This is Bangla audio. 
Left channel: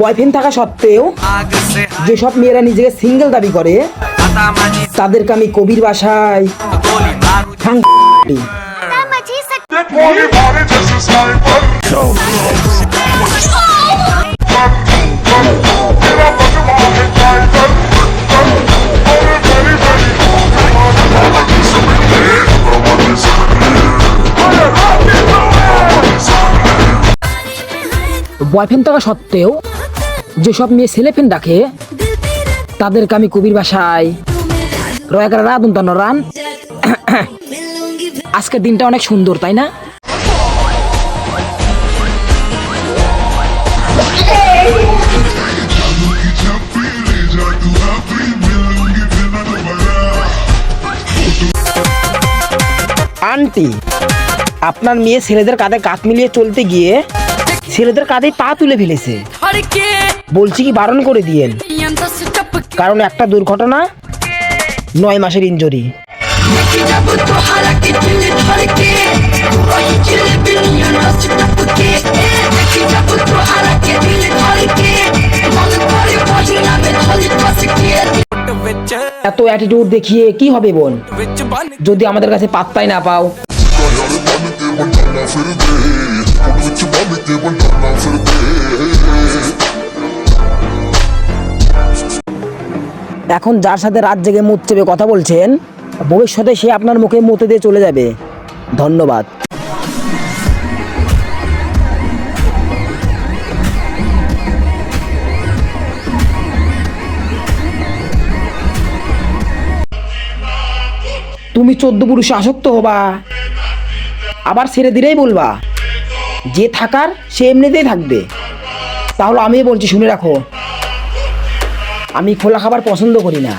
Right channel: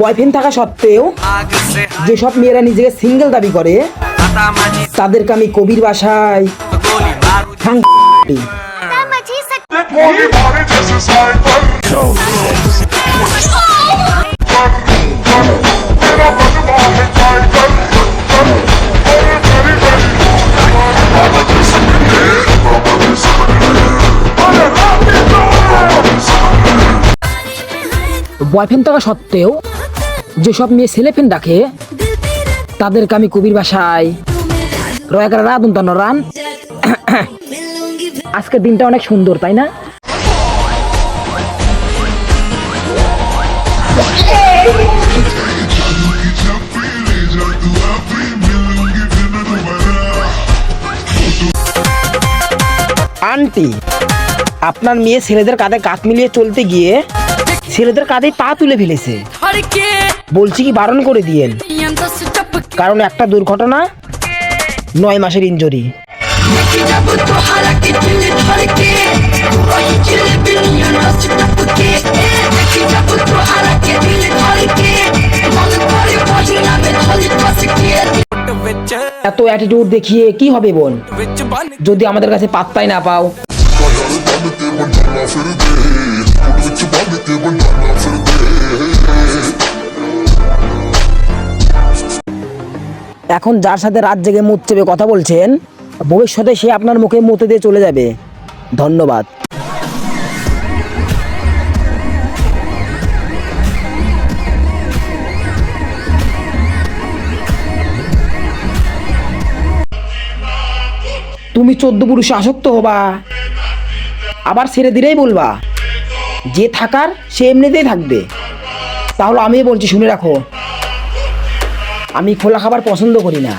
বয়ফ্রেন্ড থাকা সত্ত্বেও যেসব মেয়েরা নিজেকে সিঙ্গেল দাবি করে তাদেরকে আমি কবির ভাষায় বয়ফ্রেন্ড থাকা সত্ত্বেও যেসব মেয়ে ছেলেফ্রেন্ড রাখে তাদেরকে আমি কবির ভাষায় রান। আজকের দিনটা অনেক সুন্দর, তাই না? আন্টি, আপনার মেয়ে ছেলেদের কাঁধে কাঁধ মিলিয়ে চলতে গিয়ে ছেলেদের কাঁধে পা তুলে ফেলেছে। বলছি কি বারণ করে দিয়েন, কারণ একটা দুর্ঘটনা 9 মাসের ইনজুরি। এত অ্যাটিটিউড দেখিয়ে কি হবে বোন, যদি আমাদের কাছে পাত্তাই না পাও? এখন যার সাথে রাত জেগে মুখ চেপে কথা বলছেন, ভবিষ্যতে সে আপনার মুখে মুতে দিয়ে চলে যাবে। ধন্যবাদ। তুমি 14 পুরুষে আসক্ত হবা, আবার ছেড়ে দিলেই বলবা যে থাকার সে এমনিতেই থাকবে। তাহলে আমি বলছি, শুনে রাখো, আমি খোলা খাবার পছন্দ করি না।